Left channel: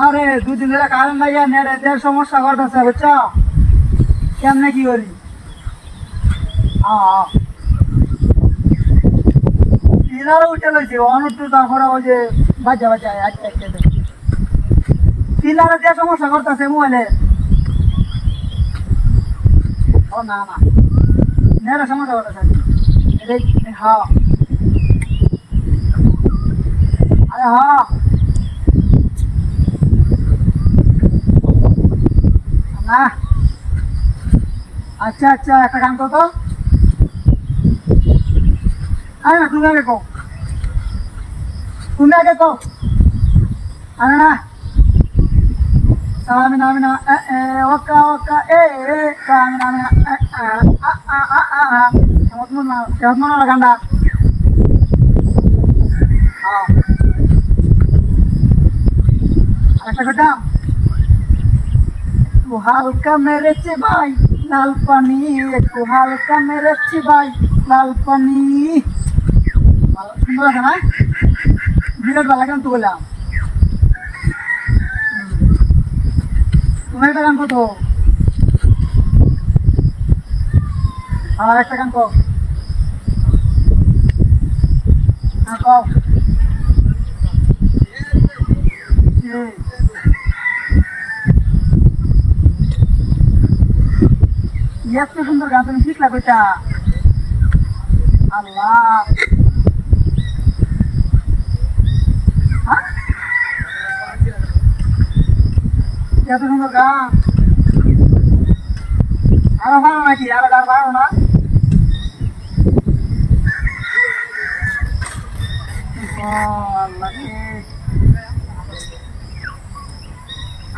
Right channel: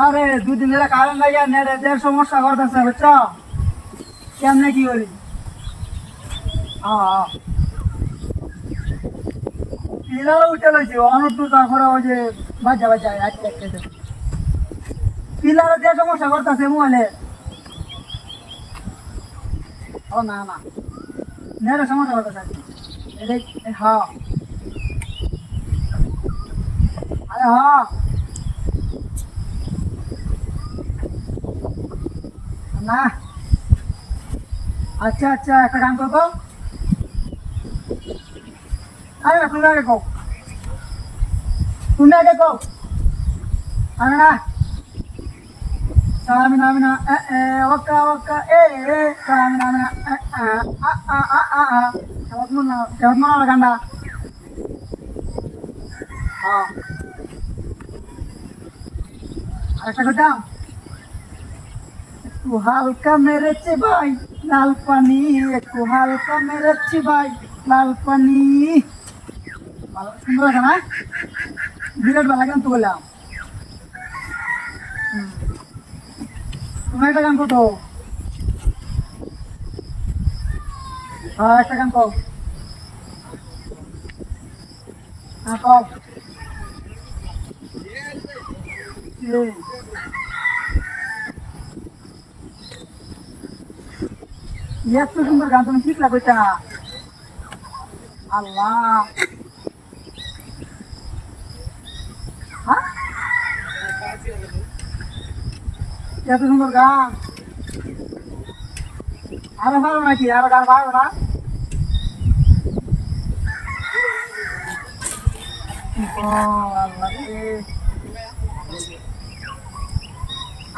আরে দুদিন ধরে কারণ ভাইয়া নেটের সমস্যা করতেছে বুঝছ কেমনে কি করি পিলার উঠে লইছে অনেক তো তারপরে ওই যে বাজা বাজা পিলারে যে সমস্যা করতেছে মোবাইলে ও না না নেটের সমস্যা করতেছে হ্যাঁ আরে হ্যাঁ না আচ্ছা আচ্ছা একটা গান করতো হ্যাঁ তুমি আগে কও তুমি আগে কও আরে না সামিনা মিনা এ ওকা ওকা এ সামিনা মিনা কেমন গানটা হ্যাঁ আরেকটা কথা तू हल्का मेरे चिबाई लाल पानी तू हल्का मेरे चिबाई लाल पानी सुंदर है ना बिना वाला गान बोला तुम्हें गान को तो हाँ एक गान को हाँ এত সুন্দর গান তুমি ঠিক লাগবে তা আল্লাহ এত সুন্দর গান আরো ভালো নাকি আরো গান ভালো না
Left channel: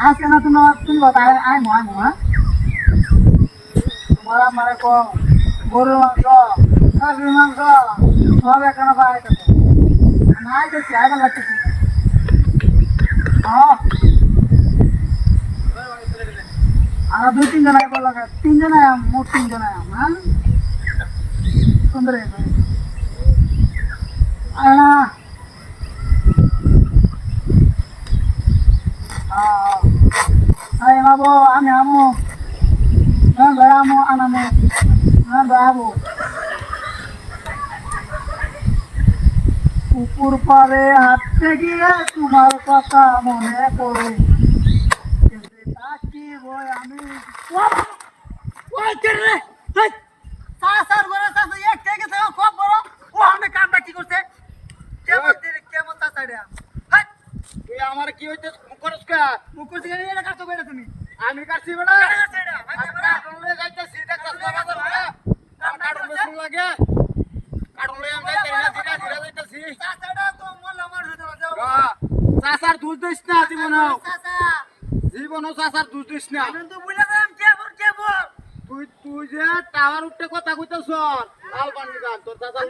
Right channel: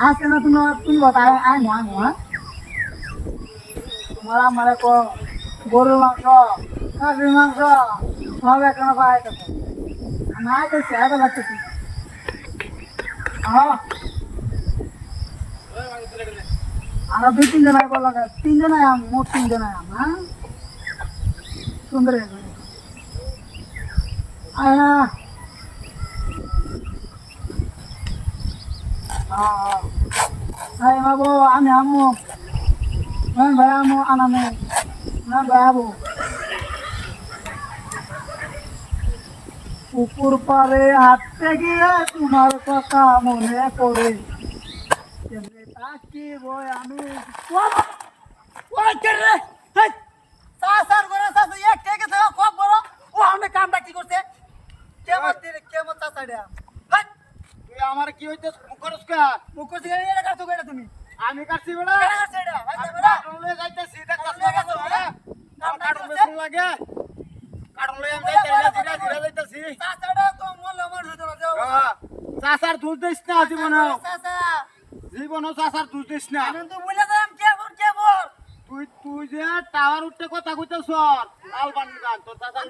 আজকে না তুমি बताया आए हँ মারা মারা কো গরুর মাংস খাসির মাংস সব এখানে পাওয়া যাচ্ছে নাই তো চাইবা লাগতেছি আর দুই তিনজন আগে বলা তিনজন মোট তিনজন হ্যাঁ সুন্দর বাবু আমি আমু পুকুর পারে হাঁটতে গিয়ে তোমার কথা মনে করে আমি আমার কি হইতে তুমি আমি কাটছি বেড়া চাচার দুধ দিস না জীবন জীবন চাচার দুধ দিস না তুই যে টাওয়ার উঠতে কথা কইতেছ লাল পানি গান তোর চাচার